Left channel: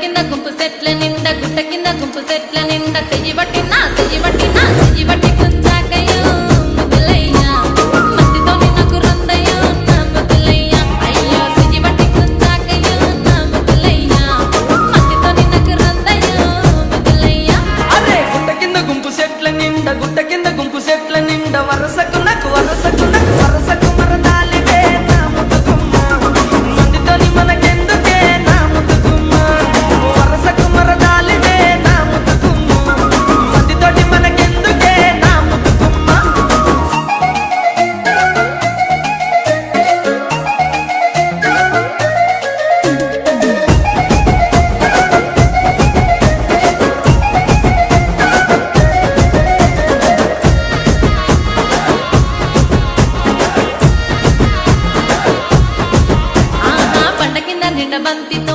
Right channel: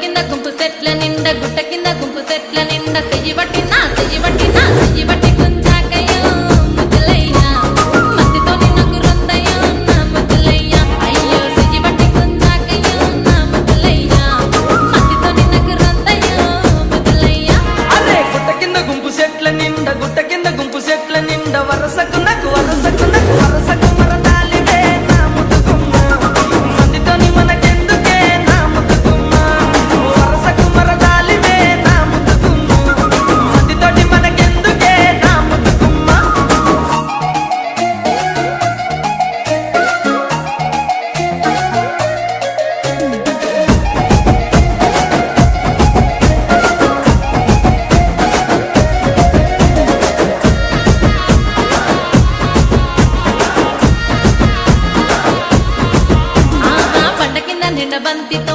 కింద గుంపు సెట్ల నిండా గుట్ట కింద గుంపు సెట్ల నిండా చెయ్యి పట్టినా సెయ్యి పట్టినా సెయ్యి పట్టి గుంజాకయ్యో ముద్దులయ్యా. మందితో నాకు రొందయ్యో నా ముద్దులయ్యా. అయ్యో సెయ్యి పట్టి గుంజాకయ్యో నా ముద్దులయ్యా. మందితో నాకు రొందయ్యో ముద్దులయ్యా. అరే గుట్ట కింద గుంపు సెట్ల నిండా గుట్ట కింద గుంపు సెట్ల నిండా వరసకు నాకు వరసకు నాకు బండ కింద నిండా బంతితో